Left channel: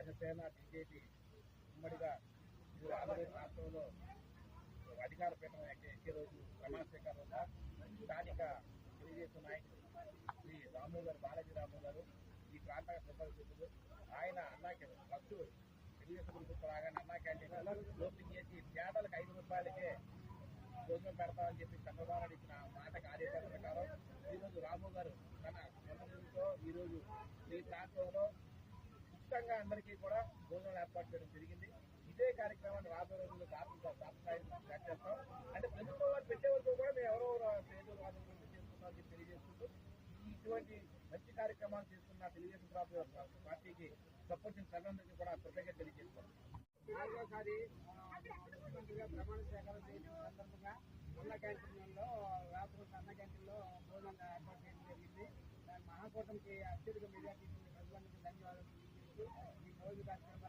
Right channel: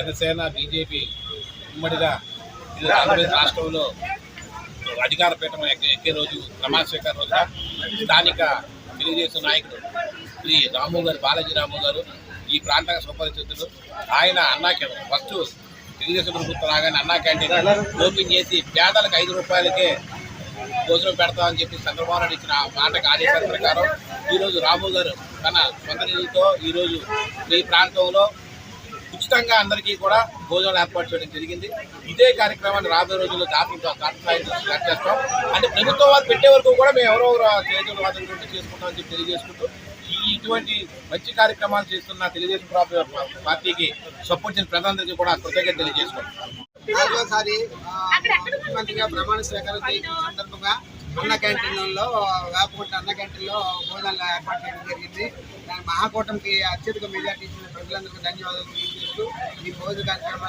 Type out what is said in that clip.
Janasena BJP ఉమ్మడిగా ఆంధ్రప్రదేశ్ రాష్ట్రంలో అధికార పీఠం ఎక్కే రోజు ప్రమాణ రోజు రోజున స్థానిక తెలుగుదేశం నాయకుడు శ్రీ రాము గారు బాలాజీ రాము గారు ఈ ప్రాంతానికి సంపాదించుతున్నారు ఆయన అన్నా ఫస్ట్ తెలుగుదేశం ప్రభుత్వం రాగానే అన్నా క్యాంటీన్ ఓపెన్ చేసి పేదలకు ఐదు రూపాయలకే భోజనం పెడతామని చెప్పి చంద్రబాబు నాయుడు ఇచ్చిన మాటకు ఆదేశాల ప్రకారం ఈరోజు రాము గారు తన సొంత నిధులతో ఈరోజు ఈ ప్రాంతంలో ఉచితంగా అందరికీ కూడా భోజనాలు ఏర్పాటు చేయడం జరిగింది. ఇదే కార్యక్రమాన్ని రాబోయే రోజుల్లో జాతీయ స్టార్ట్ చేస్తాం. అంటే ప్రభుత్వం వారు పెట్టే వరకు కూడా మేము ఎవరో చేతులు వాదన చేసుకుంటామని చెప్పి తెలియజేసుకుంటూ ఈ ఇటువంటి మంచి కార్యక్రమాలు చేస్తున్న తెలుగుదేశం పార్టీకి సపోర్ట్ చేసిన ప్రధానందరికీ కూడా కృతజ్ఞత తెలియజేసుకుంటాం నాలుగోసారి ముఖ్యమంత్రిగా ప్రమాణ స్వీకారం చేసిన సందర్భంగా అన్న క్యాంటీన్లో వేపకుంట అన్న క్యాంటీన్లో భోజనాలు ఏర్పాటు చేయడం జరిగింది. మహాకూటమికి అత్యధిక మెజార్టీ ఇచ్చిన ప్రజలందరికీ ధన్యవాదాలు తెలియజేస్తూ ఈ భోజన కార్యక్రమాన్ని